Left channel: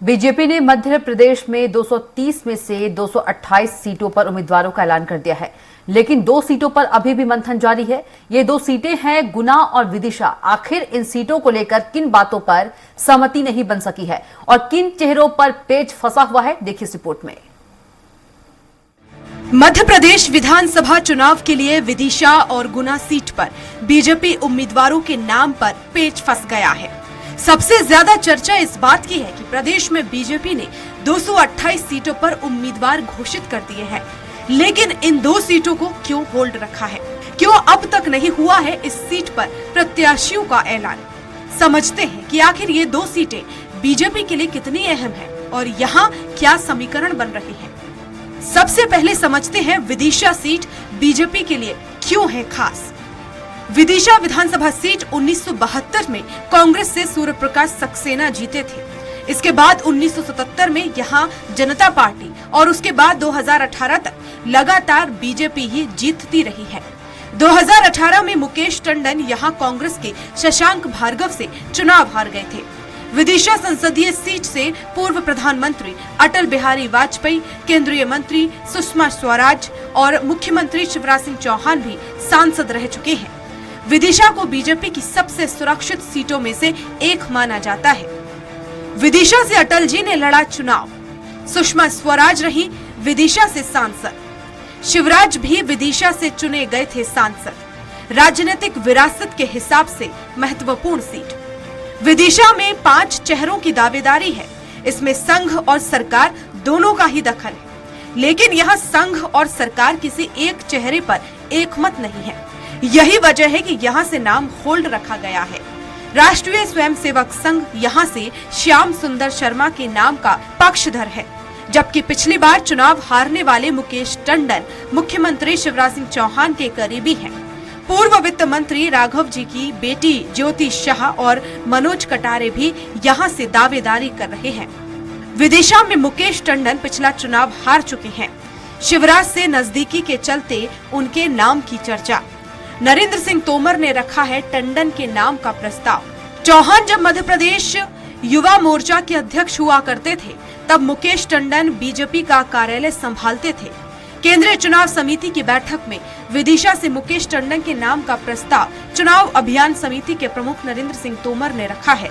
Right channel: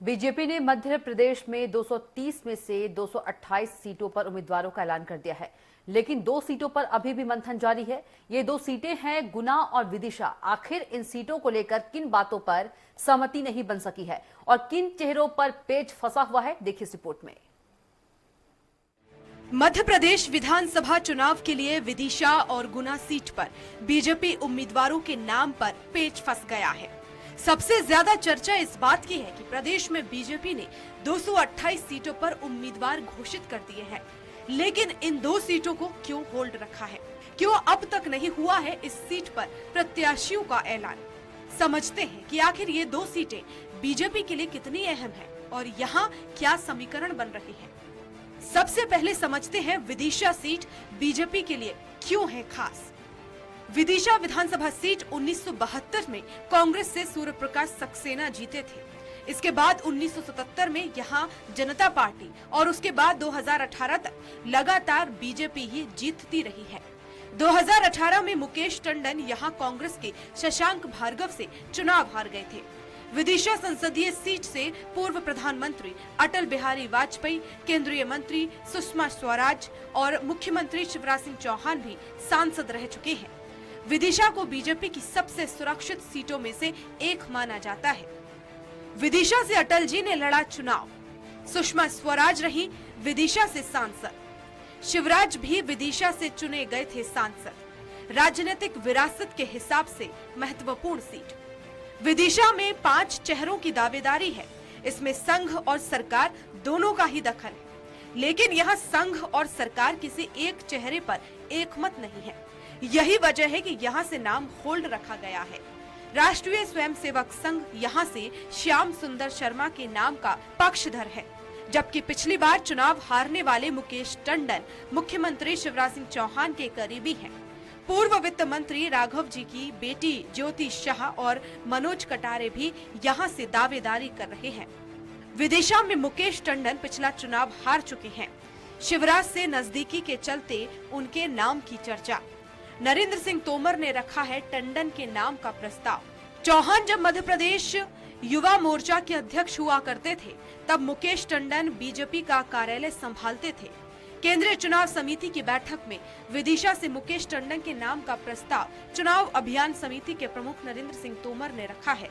BJP ने मध्य प्रदेश में 230 में से 228 सीटों पर उम्मीदवारों का ऐलान कर दिया है, लेकिन 2 सीटों पर अभी भी मंथन जारी है। ये 2 सीटें हैं गुना और विदिशा। आखिर इन सीटों को लेकर किन बातों पर सहमति नहीं बन सकी है और किन चेहरों पर पेच फंसा हुआ है, देखिए इस रिपोर्ट में। मध्य प्रदेश विधानसभा चुनाव के लिए विदिशा और गुना सीट पर बीजेपी उम्मीदवारों के नाम पर पेच फंस गया है। सबसे ज्यादा चर्चा इस बात की है कि प्रदेश में बीजेपी ने 228 सीटों पर उम्मीदवार घोषित कर दिए हैं, लेकिन इन 2 सीटों को क्यों होल्ड रखा है? क्यों अब तक नहीं हुआ है इस सीट पर प्रत्याशियों का ऐलान? समझते हैं कि आखिर ये 2 सीटें बीजेपी के लिए कितनी अहम है और यहाँ क्या समीकरण बन रही है। सबसे पहले समझते हैं विदिशा सीट बीजेपी के लिए क्यों है खास। विदिशा विधानसभा सीट 1972 में कांग्रेस से सूर्य प्रकाश सक्सेना जीते थे। इसके बाद 1977 में यहां जनता पार्टी और उसके बाद 2018 तक लगातार बीजेपी ही जीतती रही है। 2018 में मुकेश टंडन यहां कांग्रेस के शशांक भार्गव से चुनाव हार गए थे। विदिशा संसदीय सीट से पूर्व प्रधानमंत्री अटल बिहारी वाजपेयी, केंद्रीय मंत्री सुषमा स्वराज और मुख्यमंत्री शिवराज सिंह चौहान भी सांसद रह चुके हैं। विदिशा को बीजेपी की सबसे सुरक्षित सीटों में से एक माना जाता है। विदिशा से अटल जी ने लड़ा चुनाव, सुषमा स्वराज रही विदिशा से सांसद, शिवराज भी विदिशा से चुने गए थे सांसद। राजनीतिक विरासत के हिसाब से महत्वपूर्ण सीट। विदिशा में 5 चेहरों की दावेदारी है। इसमें संघ और सरकार दोनों का ही दखल है, लेकिन यहाँ संघ और सरकार किसी एक चेहरे पर एकमत नहीं है। यही वजह है कि यहाँ से नाम होल्ड रखा गया है। राष्ट्रीय स्वयंसेवक संघ यहाँ से श्याम सुंदर शर्मा के नाम का पक्षधर है, जबकि पिछली बार चुनाव हारने वाले मुकेश टंडन मुख्यमंत्री शिवराज सिंह चौहान के करीबी हैं। पूर्व वित्त मंत्री राघव जी की बेटी ज्योति शाह और मनोज कटारे भी यहाँ से दावेदारी कर रहे हैं। विदिशा में मुकेश टंडन पिछला चुनाव हार चुके हैं। शिवराज से नजदीकी के चलते उनके नाम की चर्चा। नरेंद्र सिंह तोमर ने रखा है टंडन के नाम का प्रस्ताव। चौहान जब मध्य प्रदेश युवा मोर्चा के अध्यक्ष हुआ करते थे, तब मुकेश टंडन बीजेपी का कार्यालय संभालते थे। केंद्रीय चुनाव समिति की बैठक में विदिशा से मुकेश टंडन के नाम का प्रस्ताव चुनाव अभियान समिति के प्रमुख नरेंद्र सिंह तोमर ने रखा है।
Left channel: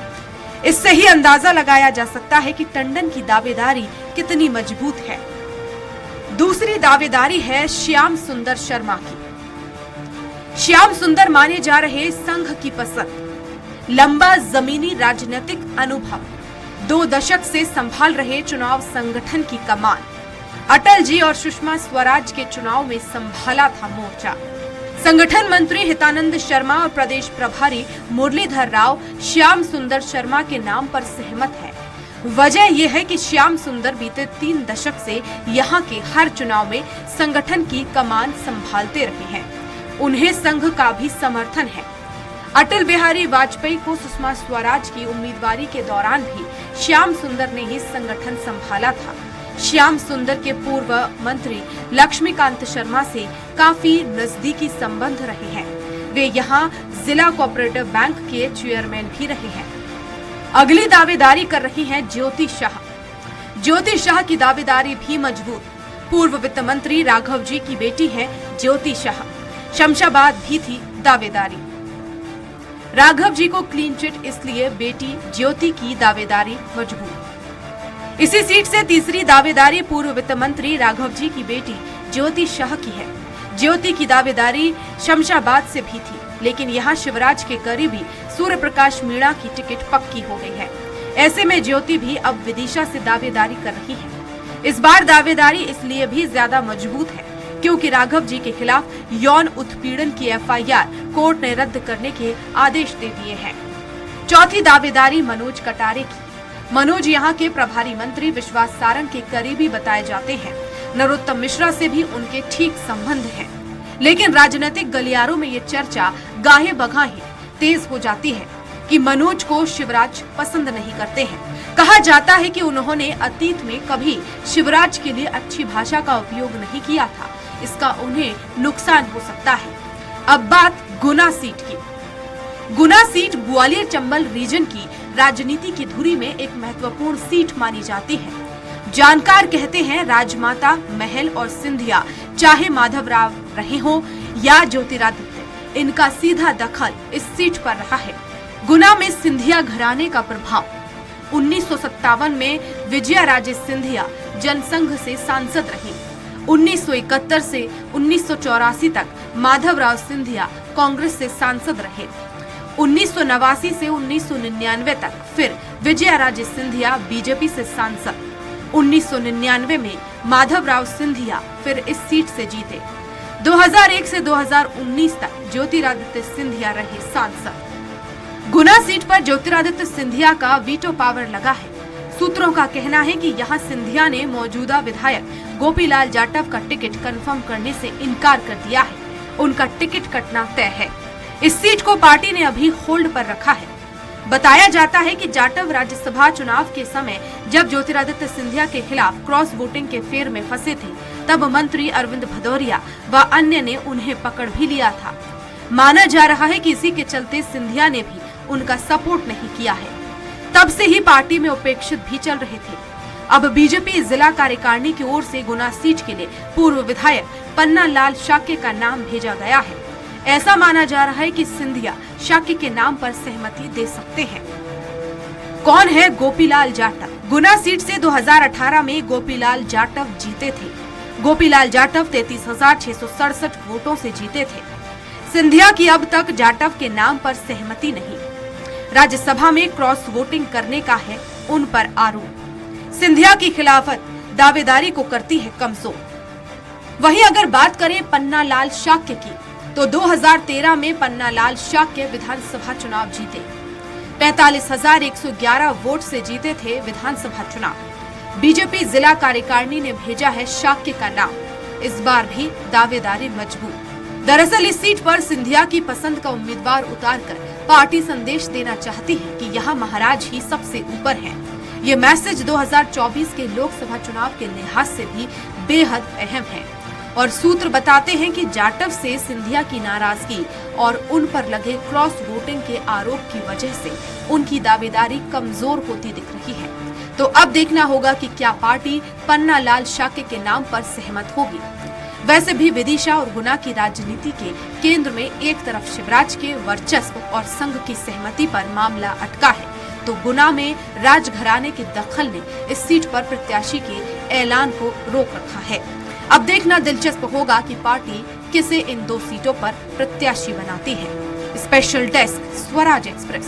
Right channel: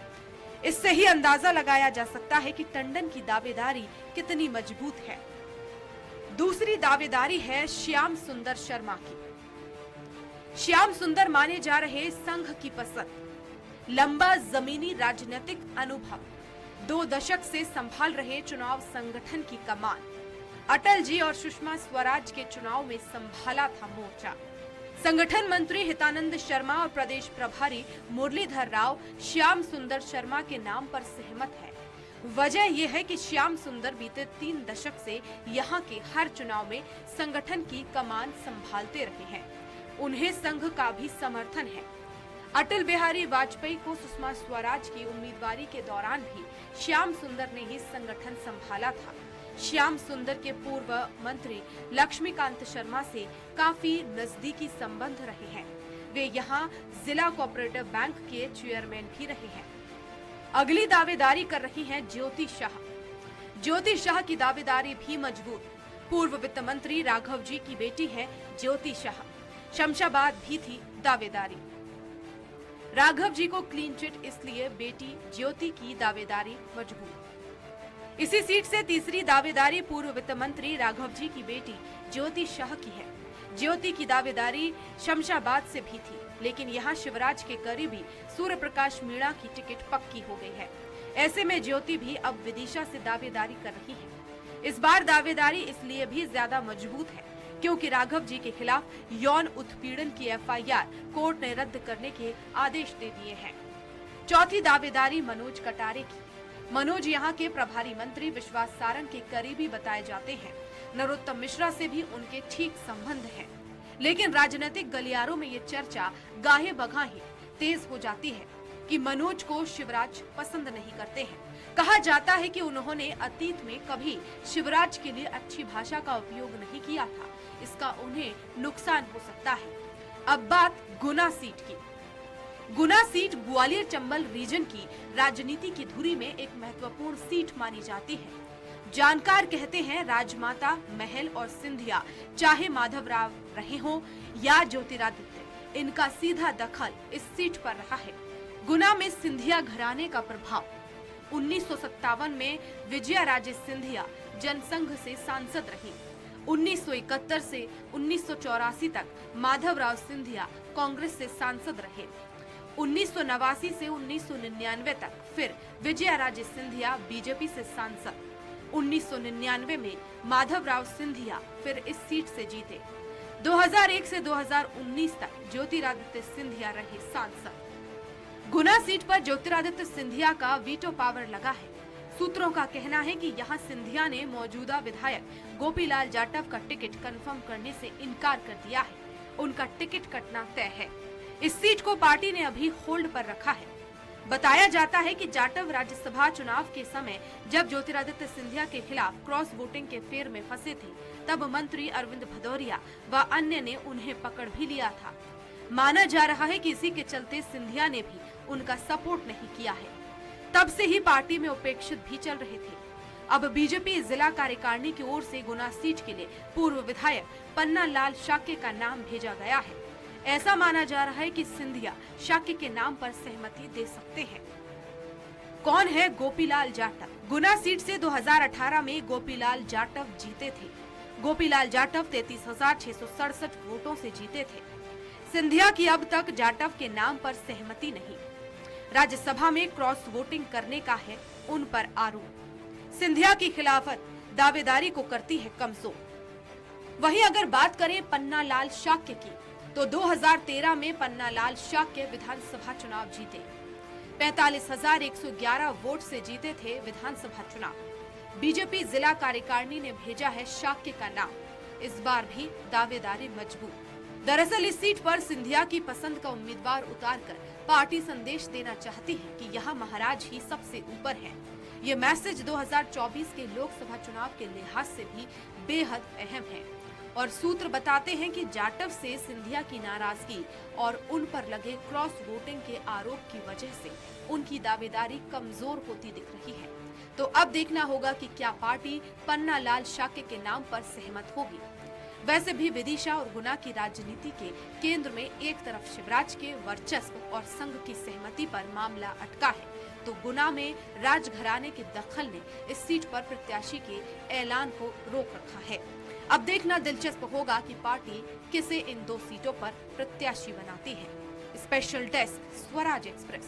इससे ही अंदाजा लगाया जा सकता है कि टंडन की दावेदारी कितनी मजबूत है। दूसरी दावेदारी है श्याम सुंदर शर्मा की। श्याम सुंदर माने जा रहे संघ की पसंद, लंबा जमीनी राजनीतिक अनुभव, 2 दशक से संभाल रहे चुनाव संगठन की कमान। अटल जी और सुषमा स्वराज के चुनाव में संभाला था मोर्चा। संगठन मंत्री हितानंद शर्मा और प्रदेश प्रभारी मुरलीधर राव श्याम सुंदर शर्मा के नाम पर सहमत है। वजह यह है कि श्याम सुंदर बीते 3 दशक से यहाँ के हर चुनाव में संगठन की कमान संभालते रहे हैं। उन्हें संघ का भी समर्थन है। अटल बिहारी वाजपेयी को सुषमा स्वराज की उम्मीदवारी के दौरान भी श्याम सुंदर ने ही संगठन संभाला था। श्याम सुंदर के पूर्व मंत्री लक्ष्मीकांत शर्मा से काफी नजदीकी संबंध रहे हैं। वे यहाँ जिला कोऑपरेटिव बैंक के चेयरमैन भी रहे हैं। अगली दावेदारी कर रही हैं ज्योति शाह। ज्योति शाह की दावेदारी भी मजबूत। पूर्व वित्त मंत्री राघव जी की बेटी है ज्योति शाह। शमशाबाद भी थी दावेदारी। राघव जी को क्लीन चिट, इसलिए बेटी ज्योति की दावेदारी मजबूत। इसी सीट से तीसरी दावेदारी पूर्व वित्त मंत्री राघव जी की बेटी ज्योति शाह की है। ज्योति की दावेदारी शमशाबाद से भी थी, लेकिन यहाँ शिवराज के करीबी सूर्य प्रकाश मीणा की टिकट पक्की हो गई है। ऐसे में ज्योति भी अब विदिशा से दावेदारी कर रही है। इस बार दावेदारी इसलिए भी ज्यादा मजबूत है क्योंकि राघव जी के खिलाफ यौन उत्पीड़न की एफआईआर कोर्ट ने रद्द करने के आदेश दे दिए हैं। चौथी दावेदारी मनोज कटारे की। मनोज यहाँ के प्रभारी मंत्री विश्वास सारंग के करीबी बताए जाते हैं। नरोत्तम मिश्रा से भी उनके ठीक संबंध हैं। लेकिन राजनीतिक गलियारों में ये चर्चा गाहे बगाहे तेज हो जाती है कि मनोज को शिवराज पसंद नहीं करते हैं। कहा जाता है कि उन्होंने अतीत में कभी शिवराज के लिए अच्छी भाषा का उपयोग नहीं किया था, इसका उन्हें नुकसान हो सकता है। अब बात गुना सीट की। गुना सीट ग्वालियर चंबल रीजन की राजनीति की धुरी में एक महत्वपूर्ण सीट मानी जाती है। जानकार कहते हैं राजमाता, महल और सिंधिया, चाहे माधवराव रहे हों या ज्योतिरादित्य, इनका सीधा दखल इस सीट पर रहा है। गुना में सिंधिया घराने का प्रभाव। 1957 में विजयाराजे सिंधिया जनसंघ से सांसद रही। 1971 से 1984 तक माधवराव सिंधिया कांग्रेस से सांसद रहे। 1989 से 1999 तक फिर विजयाराजे सिंधिया बीजेपी से सांसद। 1999 में माधवराव सिंधिया फिर इस सीट से जीते। 2001 से 2019 तक ज्योतिरादित्य सिंधिया रहे सांसद। गुना सीट पर ज्योतिरादित्य सिंधिया का वीटो पावर लगा है। सूत्रों का कहना है कि यहां सिंधिया ने मौजूदा विधायक गोपीलाल जाटव का टिकट कंफर्म करने से इनकार कर दिया है। उनका टिकट कटना तय है। इस सीट को पार्टी ने अभी होल्ड पर रखा है। बताया जाता है कि जाटव राज्यसभा चुनाव के समय जब ज्योतिरादित्य सिंधिया के खिलाफ क्रॉस वोटिंग के फेर में फंसे थे, तब मंत्री अरविंद भदौरिया व अन्य ने उन्हें पकड़ भी लिया था। माना जा रहा है कि इसी के चलते सिंधिया ने भी उनका सपोर्ट नहीं किया है। तब से ही पार्टी में उपेक्षित भी चल रहे थे। अब बीजेपी जिला कार्यकारिणी की ओर से गुना सीट के लिए पूर्व विधायक पन्ना लाल शाक्य का नाम भेजा गया है। ऐसा माना जा रहा है कि सिंधिया शाक्य के नाम पर सहमति दे सकते हैं। कौन है गोपीलाल जाटव? गुना सीट से 2018 में गोपीलाल जाटव जीते थे। गोपीलाल जाटव 33,667 वोटों से जीते थे। सिंधिया की अब तक जाटव के नाम पर सहमति नहीं। राज्यसभा में क्रॉस वोटिंग करने का है उन पर आरोप। सिंधिया की खिलाफत दावेदारी को करती है कमजोर। वहीं अगर बात करें पन्ना लाल शाक्य की, तो 2013 में पन्ना लाल शाक्य विधानसभा चुनाव जीते। 45,111 वोट से जीते थे विधानसभा चुनाव। बीजेपी जिला कार्यकारिणी ने भेजा है शाक्य का नाम। इस बार भी दावेदारी मजबूत। दरअसल इस सीट पर सिंधिया की पसंद का उम्मीदवार उतारकर पार्टी संदेश देना चाहती है कि यहाँ महाराज ही सबसे ऊपर हैं। ये मैसेज 2024 के लोकसभा चुनाव के लिहाज से भी बेहद अहम है। और सूत्र बताते हैं कि जाटव से सिंधिया की नाराजगी और उन पर लगे क्रॉस वोटिंग के आरोप की वजह से उनकी दावेदारी कमजोर होती दिख रही है। तो अब देखना होगा कि क्या पार्टी पन्ना लाल शाक्य के नाम पर सहमत होगी। वैसे भी विदिशा और गुना की राजनीति के केंद्र में एक तरफ शिवराज के वर्चस्व और संघ की सहमति पर मामला अटका है, तो गुना में राजघराने के दखल ने इस सीट पर प्रत्याशी के ऐलान को रोक रखा है। अब देखना दिलचस्प होगा कि पार्टी किसे इन दो सीटों पर प्रत्याशी बनाती है। Special desk, Swaraj express.